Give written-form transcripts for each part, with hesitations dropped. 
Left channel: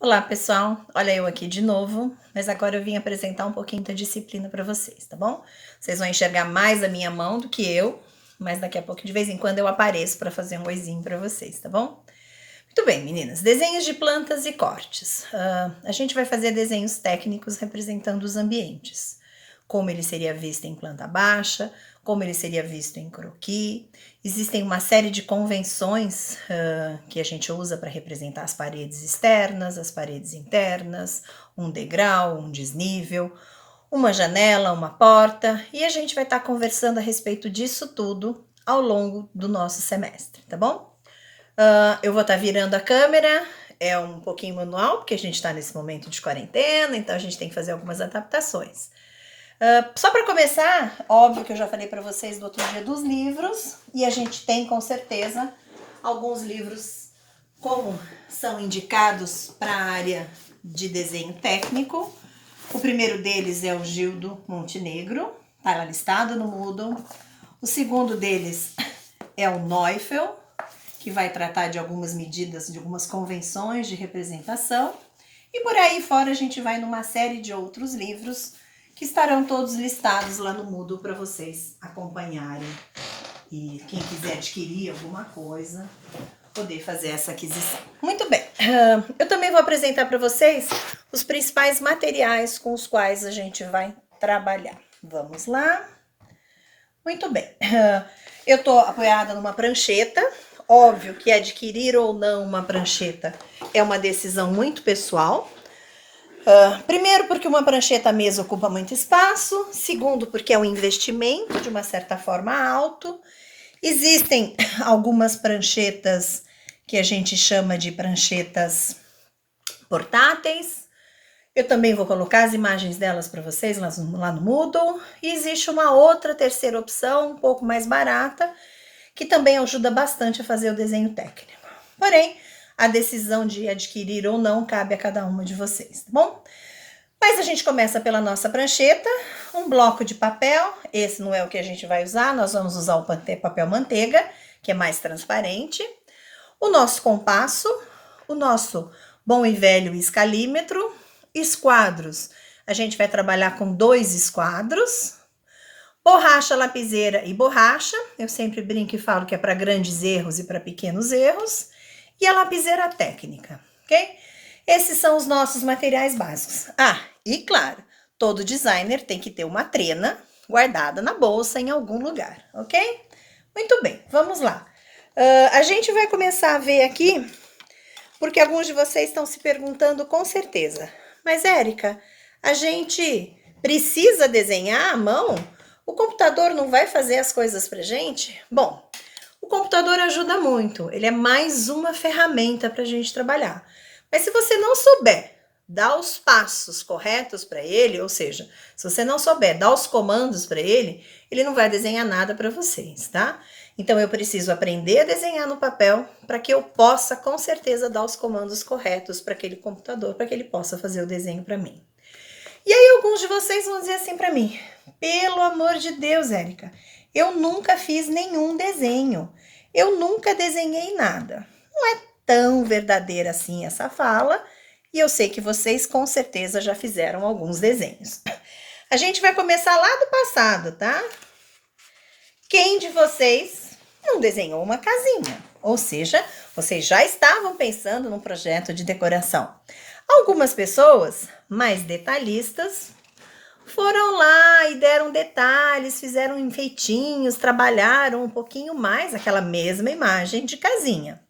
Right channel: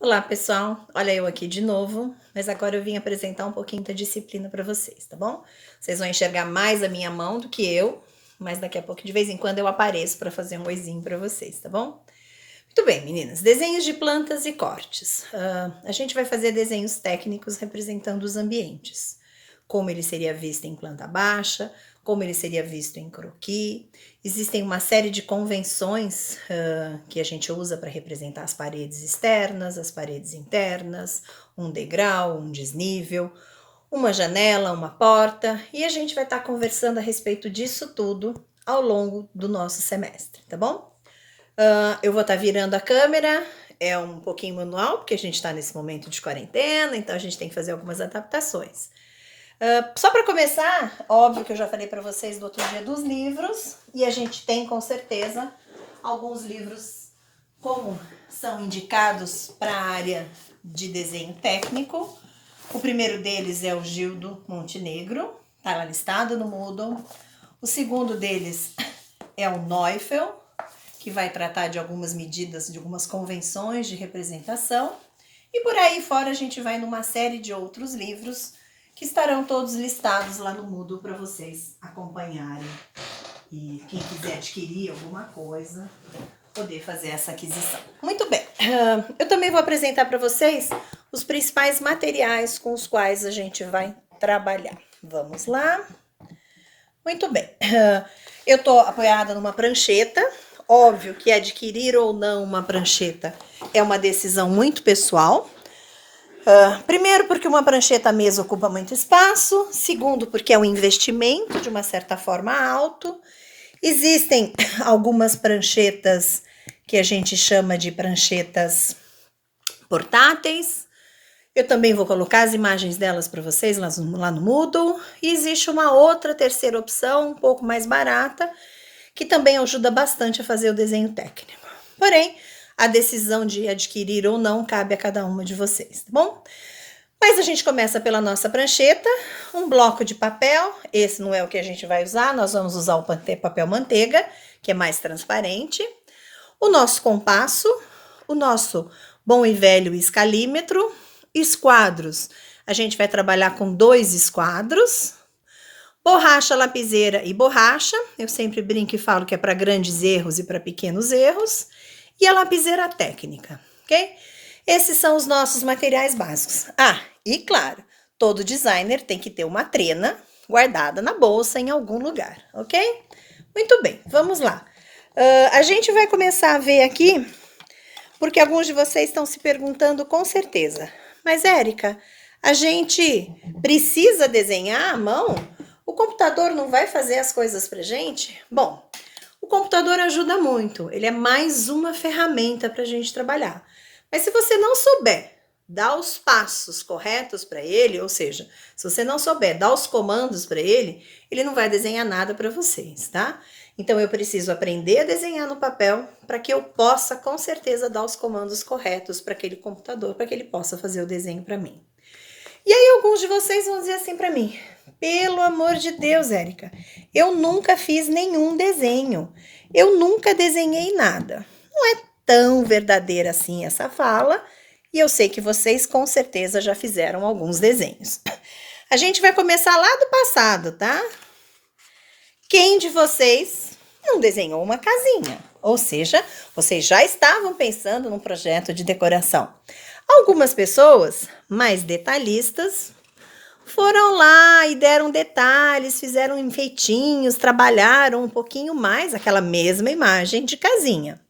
Olá, pessoal. Olha eu aqui de novo, mas agora eu vim apresentar um pouquinho da disciplina para vocês, tá bom? Vocês vão enxergar mais a minha mão do que eu, mas daqui a pouco, de vez em quando, eu apareço para fazer um oizinho para vocês, tá bom? Muito bem, meninas. Desenhos de plantas e cortes. A gente vai fazer desenhos técnicos representando os ambientes. Como ele seria visto em planta baixa, como ele seria visto em croquis. Existem uma série de convenções que a gente usa para representar as paredes externas, as paredes internas, um degrau, um desnível, uma janela, uma porta, e a gente vai estar conversando a respeito disso tudo ao longo do nosso semestre, tá bom? Eu vou estar virando a câmera, é um pouquinho manual, porque a gente está nesse momento de quarentena, então a gente tem que fazer algumas adaptações. Só para começar, óbvio que eu já falei para vocês do outro dia dos livros, e a gente tem com certeza alguns livros como são indicados para a área de desenho técnico. O primeiro deles é o Gildo Montenegro, está lá listado no Moodle. O segundo deles é o Neufel, que vai tratar de algumas medidas, de algumas convenções de representação. E por aí fora a gente vai numa série de outros livros que estarão todos listados lá no Moodle para vocês acompanharem. E quem quiser adquirir alguma coisa, poder fazer essa aquisição. Muito bem, eu também vou apresentar para vocês os principais materiais com os quais a gente vai trabalhar. Vamos lá. Muito bem, eu estou apoiada numa prancheta. Óbvio que adquirir ou não uma prancheta é uma decisão muito pessoal. Primeiro, porque uma prancheta mesa ocupa muito espaço. Segundo, porque é um investimento de uma certa forma alto. Existem algumas pranchetas que a gente chama de pranchetas portáteis. Eu também vou colocar as imagens delas para vocês lá no Moodle. E existe uma outra terceira opção, um pouco mais barata, que também ajuda bastante a fazer o desenho técnico. Porém, a decisão de adquirir ou não cabe a cada uma de vocês, tá bom? Mas a gente começa pela nossa prancheta, um bloco de papel. Esse não é o que a gente vai usar, nós vamos usar o papel manteiga, que é mais transparente. O nosso compasso, o nosso bom e velho escalímetro, esquadros. A gente vai trabalhar com 2 esquadros. Borracha, lapiseira e borracha. Eu sempre brinco e falo que é para grandes erros e para pequenos erros. E a lapiseira técnica, ok? Esses são os nossos materiais básicos. E claro, todo designer tem que ter uma trena guardada na bolsa em algum lugar, ok? Muito bem, vamos lá. A gente vai começar a ver aqui, porque alguns de vocês estão se perguntando com certeza. Mas, Érica, a gente precisa desenhar à mão? O computador não vai fazer as coisas pra gente? Bom, o computador ajuda muito, ele é mais uma ferramenta para a gente trabalhar. Mas se você não souber dar os passos corretos para ele, ou seja, se você não souber dar os comandos para ele, ele não vai desenhar nada para vocês, tá? Então eu preciso aprender a desenhar no papel para que eu possa com certeza dar os comandos corretos para aquele computador, para que ele possa fazer o desenho para mim. E aí alguns de vocês vão dizer assim para mim: pelo amor de Deus, Érica, eu nunca fiz nenhum desenho. Eu nunca desenhei nada. Não é tão verdadeira assim essa fala, e eu sei que vocês com certeza já fizeram alguns desenhos. A gente vai começar lá do passado, tá? Quem de vocês não desenhou uma casinha? Ou seja, vocês já estavam pensando num projeto de decoração. Algumas pessoas mais detalhistas foram lá e deram detalhes, fizeram enfeitinhos, trabalharam um pouquinho mais aquela mesma imagem de casinha,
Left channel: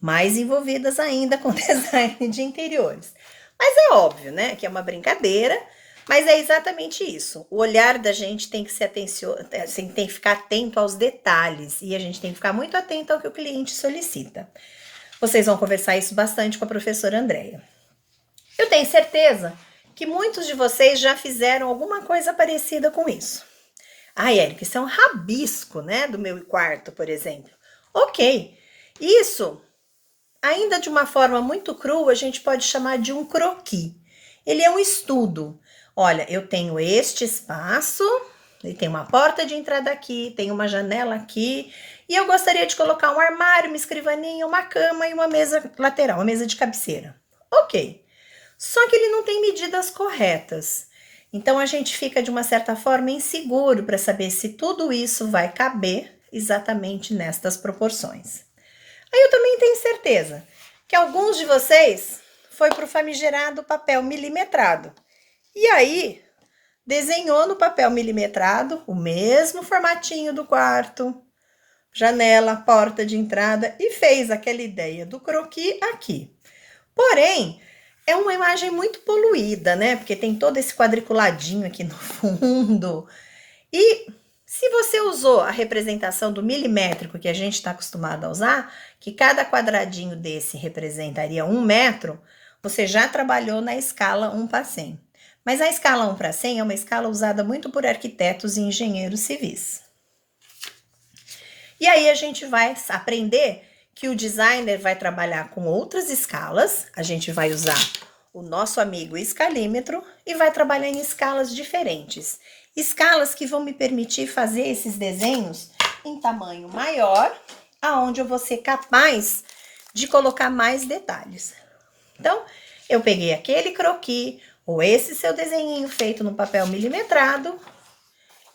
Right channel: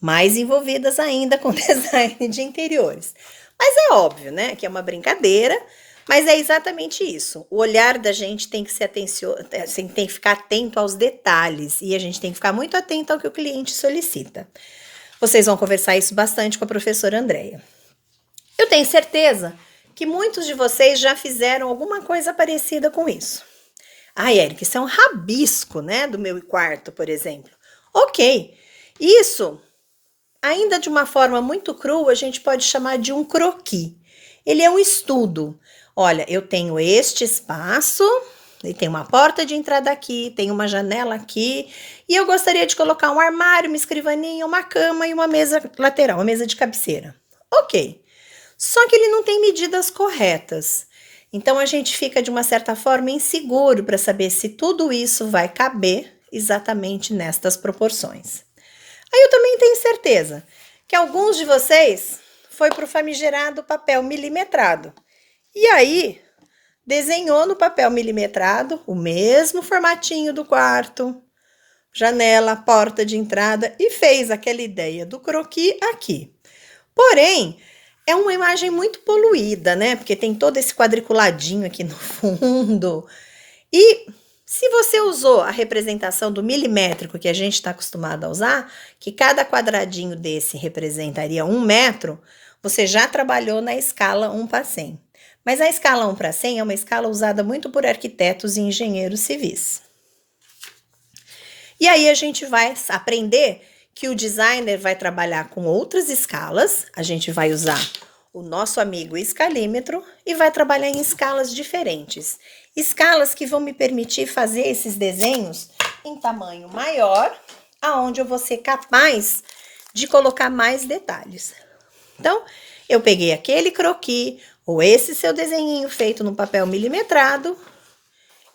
mais envolvidas ainda com design de interiores. Mas é óbvio, né, que é uma brincadeira, mas é exatamente isso. O olhar da gente tem que tem que ficar atento aos detalhes e a gente tem que ficar muito atento ao que o cliente solicita. Vocês vão conversar isso bastante com a professora Andréia. Eu tenho certeza que muitos de vocês já fizeram alguma coisa parecida com isso. Érica, isso é um rabisco, né, do meu quarto, por exemplo. Ok, isso, ainda de uma forma muito crua, a gente pode chamar de um croquis. Ele é um estudo. Olha, eu tenho este espaço, e tem uma porta de entrada aqui, tem uma janela aqui, e eu gostaria de colocar um armário, uma escrivaninha, uma cama e uma mesa lateral, uma mesa de cabeceira. Ok. Só que ele não tem medidas corretas. Então a gente fica de uma certa forma inseguro para saber se tudo isso vai caber exatamente nestas proporções. Aí eu também tenho certeza que alguns de vocês foi para o famigerado papel milimetrado. E aí desenhou no papel milimetrado o mesmo formatinho do quarto, janela, porta de entrada e fez aquela ideia do croquis aqui. Porém, é uma imagem muito poluída, né? Porque tem todo esse quadriculadinho aqui no fundo. E se você usou a representação do milimétrico que a gente está acostumado a usar, que cada quadradinho desse representaria 1 metro, você já trabalhou na escala 1 para 100. Mas a escala 1 para 100 é uma escala usada muito por arquitetos e engenheiros civis. E aí a gente vai aprender que o designer vai trabalhar com outras escalas, a gente vai usar o nosso amigo escalímetro e vai trabalhar em escalas diferentes. Escalas que vão me permitir fazer esses desenhos em tamanho maior, aonde eu vou ser capaz de colocar mais detalhes. Então, eu peguei aquele croquis, ou esse seu desenhinho feito no papel milimetrado,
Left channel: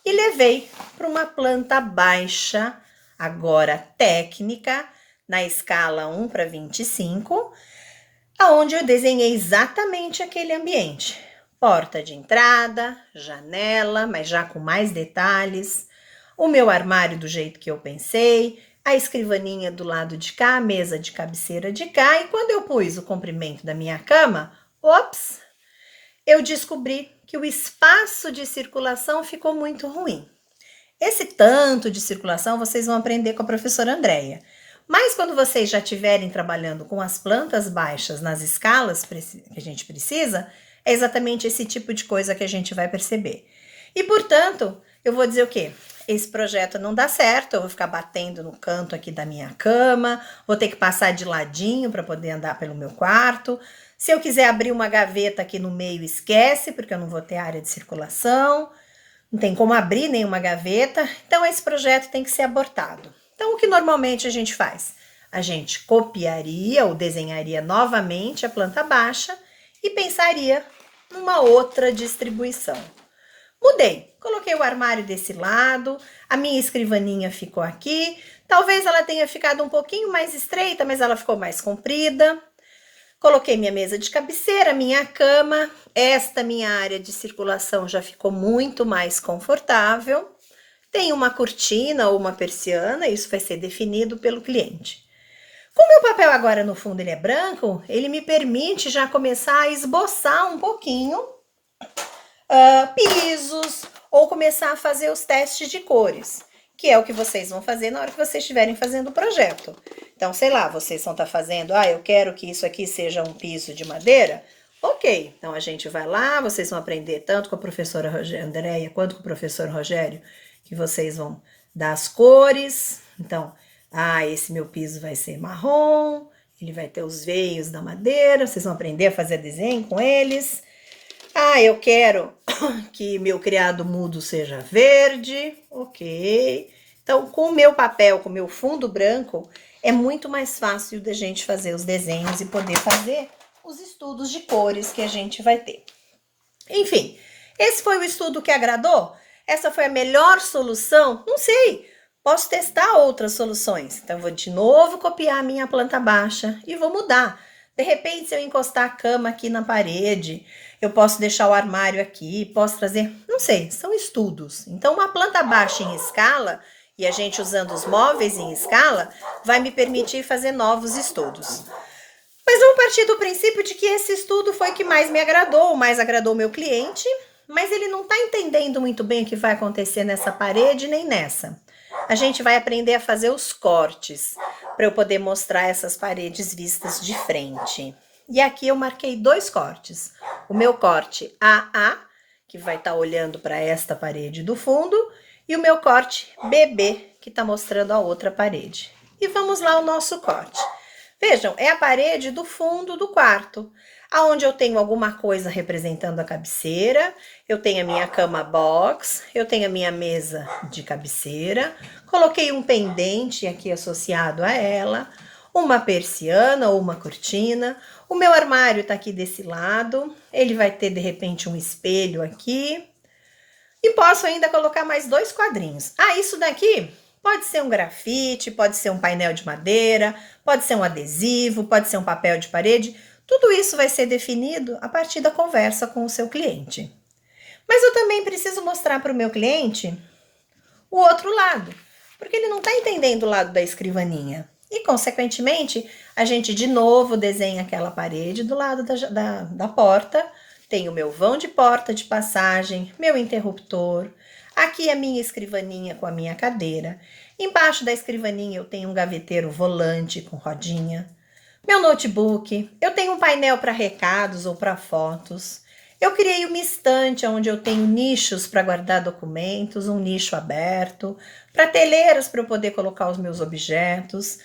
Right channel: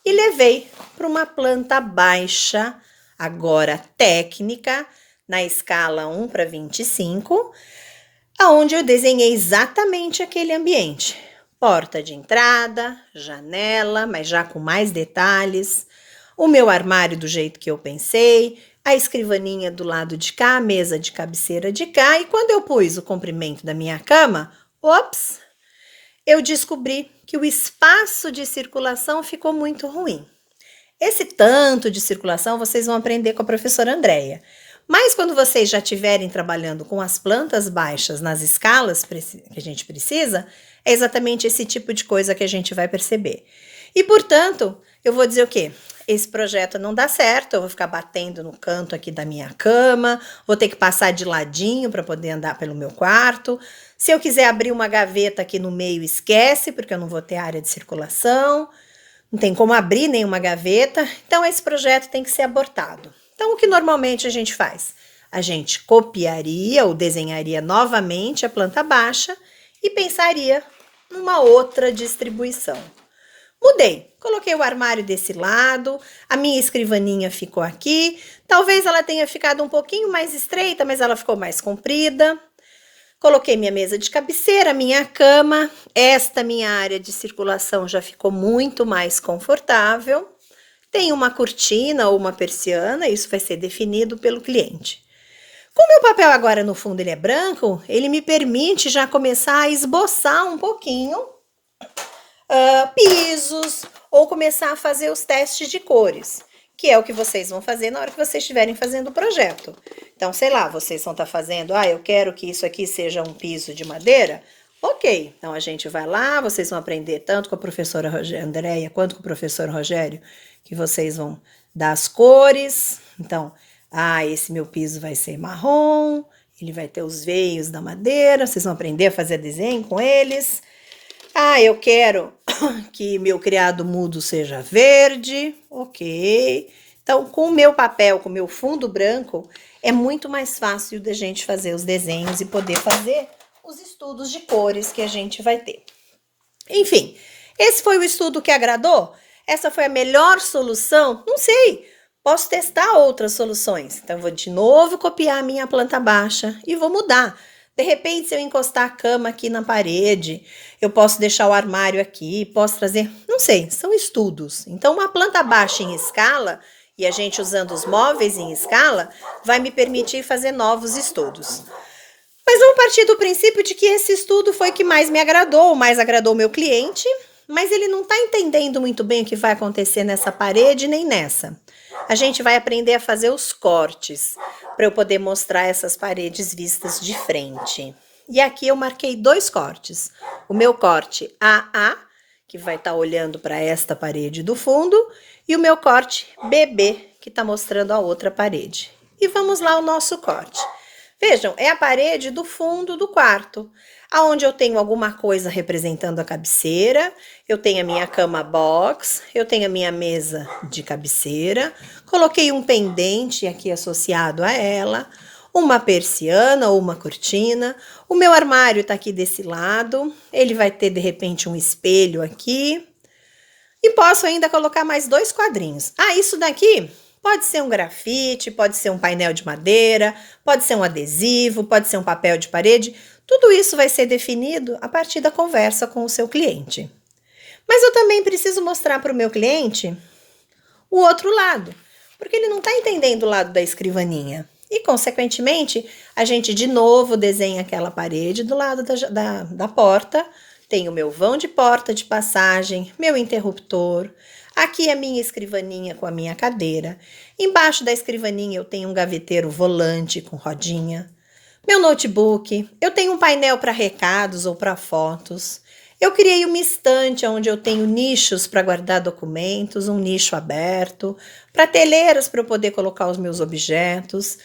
e levei para uma planta baixa, agora técnica, na escala 1 para 25, aonde eu desenhei exatamente aquele ambiente. Porta de entrada, janela, mas já com mais detalhes, o meu armário do jeito que eu pensei, a escrivaninha do lado de cá, a mesa de cabeceira de cá, e quando eu pus o comprimento da minha cama, ops, eu descobri que o espaço de circulação ficou muito ruim. Esse tanto de circulação vocês vão aprender com a professora Andréia. Mas quando vocês já estiverem trabalhando com as plantas baixas nas escalas que a gente precisa, é exatamente esse tipo de coisa que a gente vai perceber. E, portanto, eu vou dizer o quê? Esse projeto não dá certo, eu vou ficar batendo no canto aqui da minha cama, vou ter que passar de ladinho para poder andar pelo meu quarto. Se eu quiser abrir uma gaveta aqui no meio, esquece, porque eu não vou ter área de circulação. Não tem como abrir nenhuma gaveta, então esse projeto tem que ser abortado. Então, o que normalmente a gente faz? A gente copiaria ou desenharia novamente a planta baixa e pensaria numa outra distribuição. Mudei, coloquei o armário desse lado, a minha escrivaninha ficou aqui, talvez ela tenha ficado um pouquinho mais estreita, mas ela ficou mais comprida. Coloquei minha mesa de cabeceira, minha cama, esta minha área de circulação já ficou muito mais confortável. Tem uma cortina ou uma persiana, isso vai ser definido pelo cliente. Como meu papel agora no fundo ele é branco, ele me permite já começar a esboçar um pouquinho pisos ou começar a fazer os testes de cores, que é o que vocês vão fazer na hora que vocês estiverem fazendo o projeto. Então, sei lá, vocês vão estar fazendo, eu quero que isso aqui seja um piso de madeira. Ok, então a gente vai lá, vocês vão aprender tanto com a professora Andréia quanto com o professor Rogério, que vocês vão dar as cores. Então, esse meu piso vai ser marrom, ele vai ter os veios da madeira, vocês vão aprender a fazer desenho com eles. Eu quero que meu criado mudo seja verde, ok. Então, com o meu papel, com o meu fundo branco, é muito mais fácil da gente fazer os desenhos e poder fazer os estudos de cores que a gente vai ter. Enfim, esse foi o estudo que agradou? Essa foi a melhor solução? Não sei, posso testar outras soluções. Então, eu vou de novo copiar a minha planta baixa e vou mudar. De repente, se eu encostar a cama aqui na parede, eu posso deixar o armário aqui, posso trazer... Não sei, são estudos. Então, uma planta baixa em escala, e a gente usando os móveis em escala, vai me permitir fazer novos estudos. Mas vamos partir do princípio de que esse estudo foi o que mais me agradou, mais agradou o meu cliente, mas ele não está entendendo muito bem o que vai acontecer nessa parede nem nessa. A gente vai aprender a fazer os cortes, para eu poder mostrar essas paredes vistas de frente. E aqui eu marquei 2 cortes. O meu corte AA, que vai estar olhando para esta parede do fundo, e o meu corte BB, que está mostrando a outra parede. E vamos lá ao nosso corte. Vejam, é a parede do fundo do quarto, aonde eu tenho alguma coisa representando a cabeceira, eu tenho a minha cama box, eu tenho a minha mesa de cabeceira, coloquei um pendente aqui associado a ela, uma persiana ou uma cortina. O meu armário tá aqui desse lado, ele vai ter de repente um espelho aqui. E posso ainda colocar mais 2 quadrinhos. Ah, isso daqui pode ser um grafite, pode ser um painel de madeira, pode ser um adesivo, pode ser um papel de parede. Tudo isso vai ser definido a partir da conversa com o seu cliente. Mas eu também preciso mostrar para o meu cliente o outro lado, porque ele não está entendendo o lado da escrivaninha. E, consequentemente, a gente de novo desenha aquela parede do lado da porta. Tem o meu vão de porta de passagem, meu interruptor. Aqui a minha escrivaninha com a minha cadeira. Embaixo da escrivaninha eu tenho um gaveteiro volante com rodinha. Meu notebook. Eu tenho um painel para recados ou para fotos. Eu criei uma estante onde eu tenho nichos para guardar documentos, um nicho aberto, prateleiras para eu poder colocar os meus objetos.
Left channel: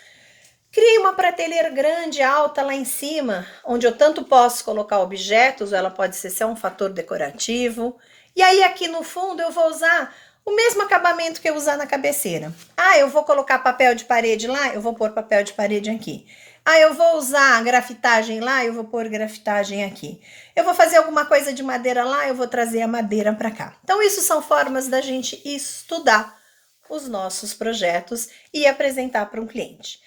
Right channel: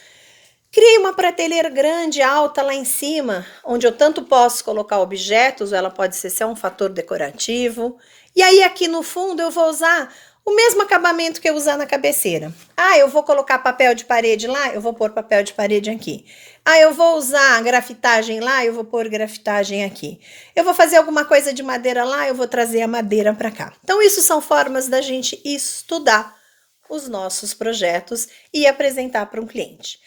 Criei uma prateleira grande, alta lá em cima, onde eu tanto posso colocar objetos, ou ela pode ser só um fator decorativo. E aí aqui no fundo eu vou usar o mesmo acabamento que eu usar na cabeceira. Ah, eu vou colocar papel de parede lá, eu vou pôr papel de parede aqui. Ah, eu vou usar grafitagem lá, eu vou pôr grafitagem aqui. Eu vou fazer alguma coisa de madeira lá, eu vou trazer a madeira para cá. Então, isso são formas da gente estudar os nossos projetos e apresentar para um cliente.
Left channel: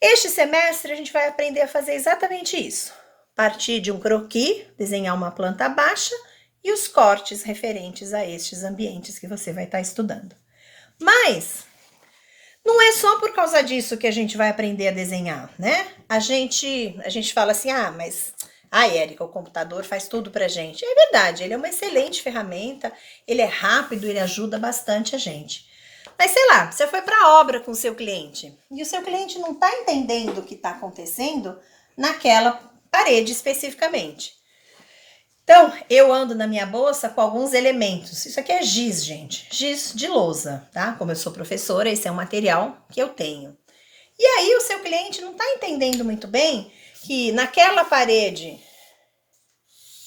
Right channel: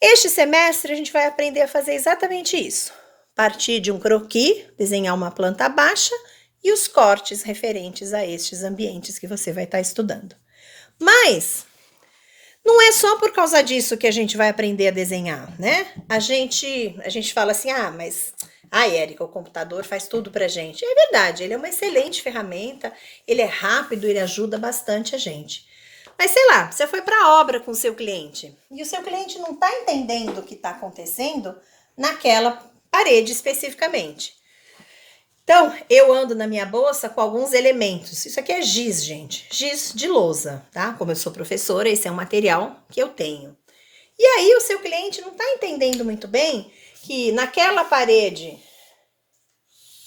Este semestre, a gente vai aprender a fazer exatamente isso. Partir de um croquis, desenhar uma planta baixa e os cortes referentes a estes ambientes que você vai estar estudando. Mas não é só por causa disso que a gente vai aprender a desenhar, né? A gente fala assim, mas Érica, o computador faz tudo pra gente. É verdade, ele é uma excelente ferramenta, ele é rápido, ele ajuda bastante a gente. Mas sei lá, você foi para a obra com o seu cliente e o seu cliente não está entendendo o que está acontecendo naquela parede especificamente. Então, eu ando na minha bolsa com alguns elementos. Isso aqui é giz, gente. Giz de lousa, tá? Como eu sou professora, esse é um material que eu tenho. E aí, o seu cliente não está entendendo muito bem que naquela parede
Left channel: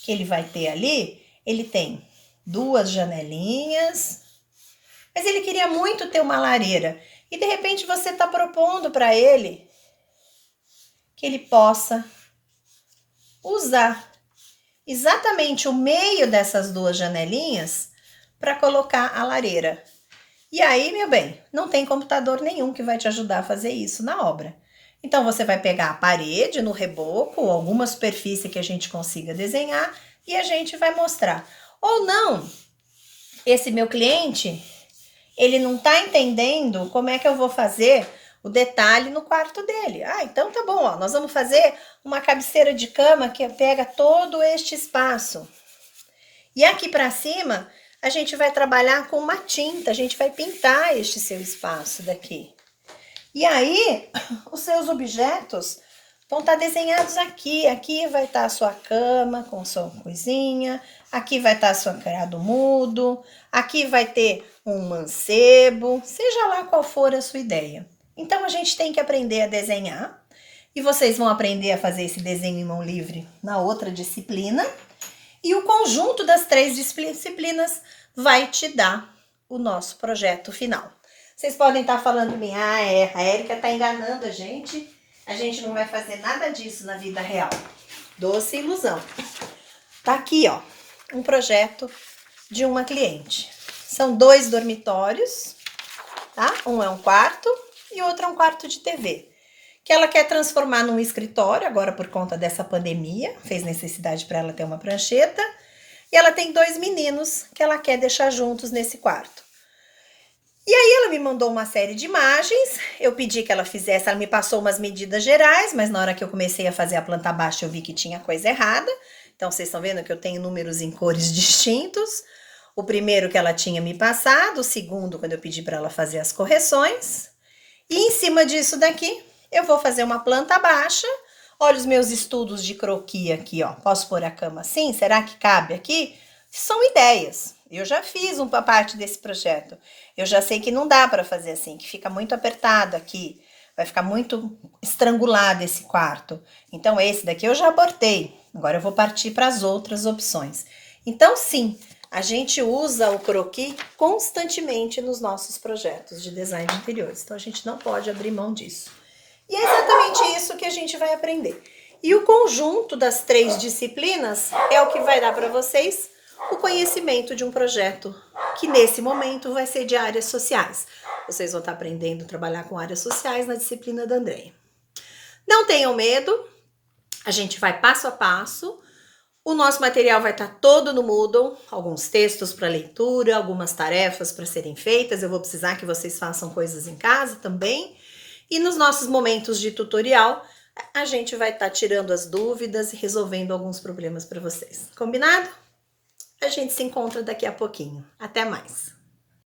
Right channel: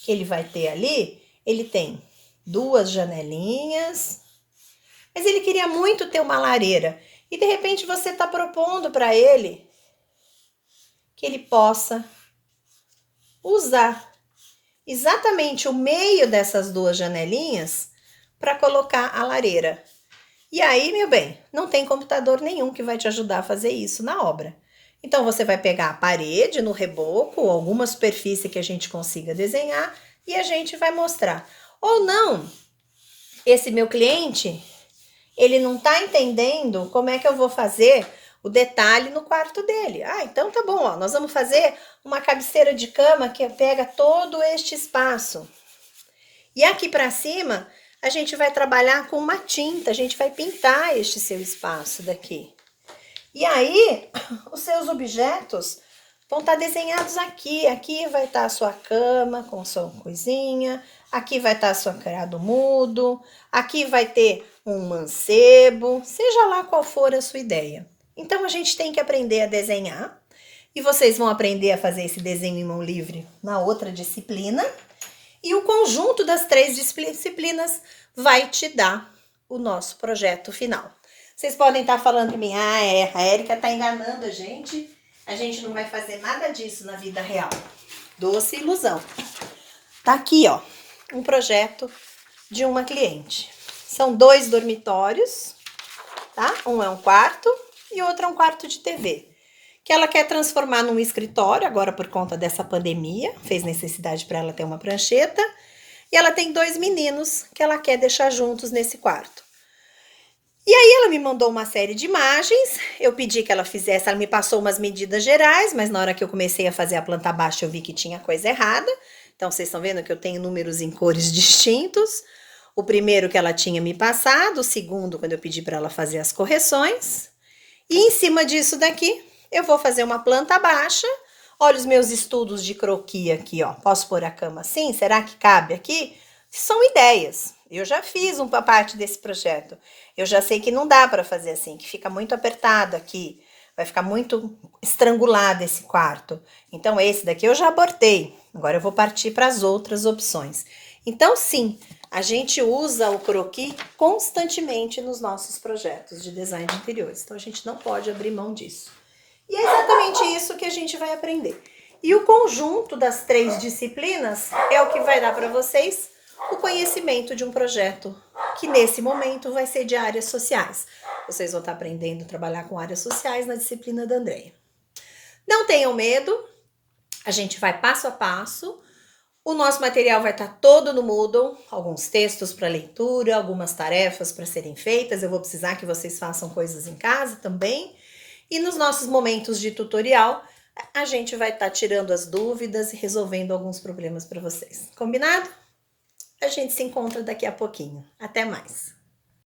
que ele vai ter ali, ele tem 2 janelinhas, mas ele queria muito ter uma lareira. E, de repente, você está propondo para ele que ele possa usar exatamente o meio dessas 2 janelinhas para colocar a lareira. E aí, meu bem, não tem computador nenhum que vai te ajudar a fazer isso na obra. Então, você vai pegar a parede no reboco, ou alguma superfície que a gente consiga desenhar, e a gente vai mostrar. Ou não, esse meu cliente, ele não está entendendo como é que eu vou fazer o detalhe no quarto dele. Então tá bom, ó, nós vamos fazer uma cabeceira de cama que pega todo este espaço. E aqui para cima, a gente vai trabalhar com uma tinta, a gente vai pintar este seu espaço daqui. E aí, os seus objetos vão estar desenhados aqui. Aqui vai estar a sua cama com sua coisinha, aqui vai estar a sua criado mudo, aqui vai ter um mancebo, seja lá qual for a sua ideia. Então, a gente tem que aprender a desenhar, e vocês vão aprender a fazer esse desenho em mão livre na outra disciplina, e o conjunto das 3 disciplinas vai te dar o nosso projeto final. Vocês podem estar falando para mim, a Érica está enganando a gente não vai fazer nada disso na vida real. Doce ilusão. Tá aqui, ó, um projeto de uma cliente. São 2 dormitórios, tá? Um é um quarto e outro é um quarto de TV, que ela quer transformar num escritório, agora por conta dessa pandemia, fez necessidade para ela ter uma prancheta, e ela tem 2 meninos que ela quer deixar juntos nesse quarto. E aí ela me mandou uma série de imagens, eu pedi que ela fizesse, ela me passou umas medidas gerais, mas na hora que eu comecei a fazer a planta baixa eu vi que tinha coisa errada. Então vocês estão vendo que eu tenho números em cores distintos. O primeiro que ela tinha me passado, o segundo quando eu pedi para ela fazer as correções. E em cima disso daqui, eu vou fazer uma planta baixa. Olha os meus estudos de croquis aqui, ó. Posso pôr a cama assim? Será que cabe aqui? São ideias. Eu já fiz uma parte desse projeto. Eu já sei que não dá para fazer assim, que fica muito apertado aqui. Vai ficar muito estrangulado esse quarto. Então, esse daqui eu já abortei. Agora eu vou partir para as outras opções. Então, sim, a gente usa o croquis constantemente nos nossos projetos de design de interiores. Então, a gente não pode abrir mão disso. E é exatamente isso que a gente vai aprender. E o conjunto das 3 disciplinas é o que vai dar para vocês o conhecimento de um projeto que nesse momento vai ser de áreas sociais. Vocês vão estar aprendendo a trabalhar com áreas sociais na disciplina da Andréia. Não tenham medo, a gente vai passo a passo. O nosso material vai estar todo no Moodle, alguns textos para leitura, algumas tarefas para serem feitas. Eu vou precisar que vocês façam coisas em casa também. E nos nossos momentos de tutorial, a gente vai estar tirando as dúvidas e resolvendo alguns problemas para vocês. Combinado? A gente se encontra daqui a pouquinho. Até mais!